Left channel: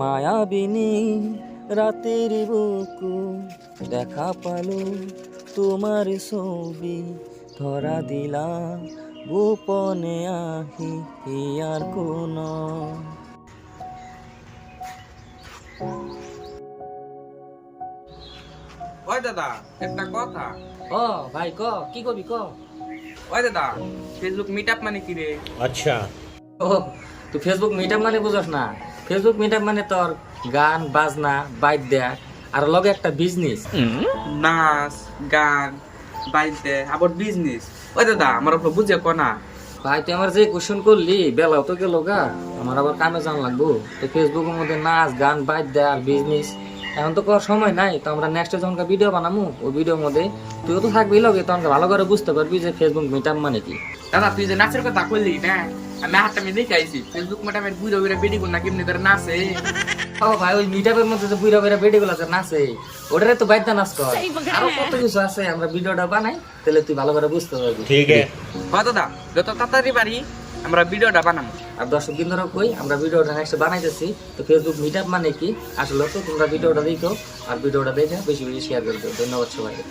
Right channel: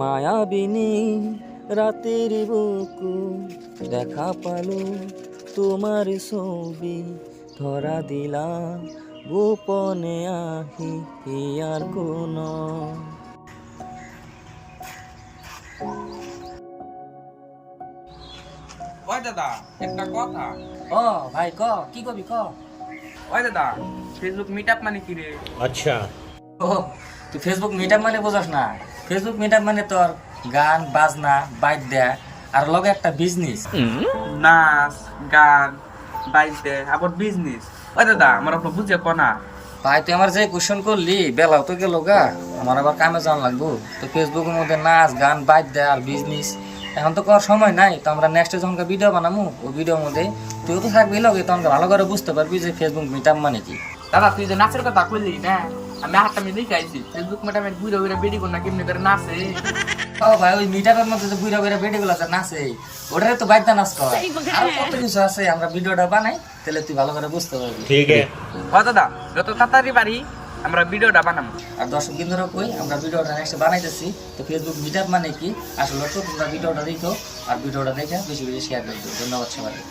মায়াবিনী রাতের বুকু দেখা পালো তোমার ছবি ধরা দিলা গোপনে আহি আর কোন। ওই দাদা একটা কথা। ও ভাই ক কি কবি ক। ওই দাদা ফেসবুক মিটআপ মানে কি রে? अच्छा। ও তুই ফেসবুক মিটআপ মানে বুঝস না? ফেসবুক মিটআপ মানে তোর গান বাজনা বাইট দেয়া আর লগে একটা বিজনেস। নাচ গান বাইতে আবার বিজনেস। ওই দাদা আমার ওপর বুঝে কোনা। ভাই তুই আমার যে কোশ্চেন করলি বেলাও তো গেল গা, আমার আবার কামে যাওয়ান লাগবো। তো ফেসবুকের মধ্যে নাচ গান বাইট দেয়া আর বিজনেস এখন তো করার সময় নাই। তো আমরা নেক্সট যখন ভিডিও বানাবো ওই ভিডিওর মধ্যে তুইও তো থাকবি লগে, তখন ভালো করে বুঝতে পারবি যে ফেসবুক মিটআপ মানে কি। দাদা তুই যে নাচের কথা কইলি না, আমি হাতটা আমি দেখে আইছি ফেসবুক মিটআপের বুড়ো বুড়ো বেডি কোন না কেমনি করে নাচে। ও ভাই ওই মিটআপের মধ্যে যে বুইরা বুইরা বেডি গুলো আছে নাচে, ওটারে তো বাইদা নাচ কর। আরো কত কিছু আছে, আমরা ভিডিওটা বানাই তাহলে তুই ভালো করে বুঝতে পারবি। ठीक है। ও দাদা যত তাড়াতাড়ি পারি আমরা ভিডিওটা বানাবো। আর দর্শক বিন্দুরা কই আমরা ভিডিওটা নেক্সট বানাইতেছি। তো ফেসবুক মিটআপ মানে কি আসলে তো তোমরা ভিডিওটা দেখো আর ভিডিওটা দেখে বেশি বেশি শেয়ার করে দিও। ধন্যবাদ সবাইকে।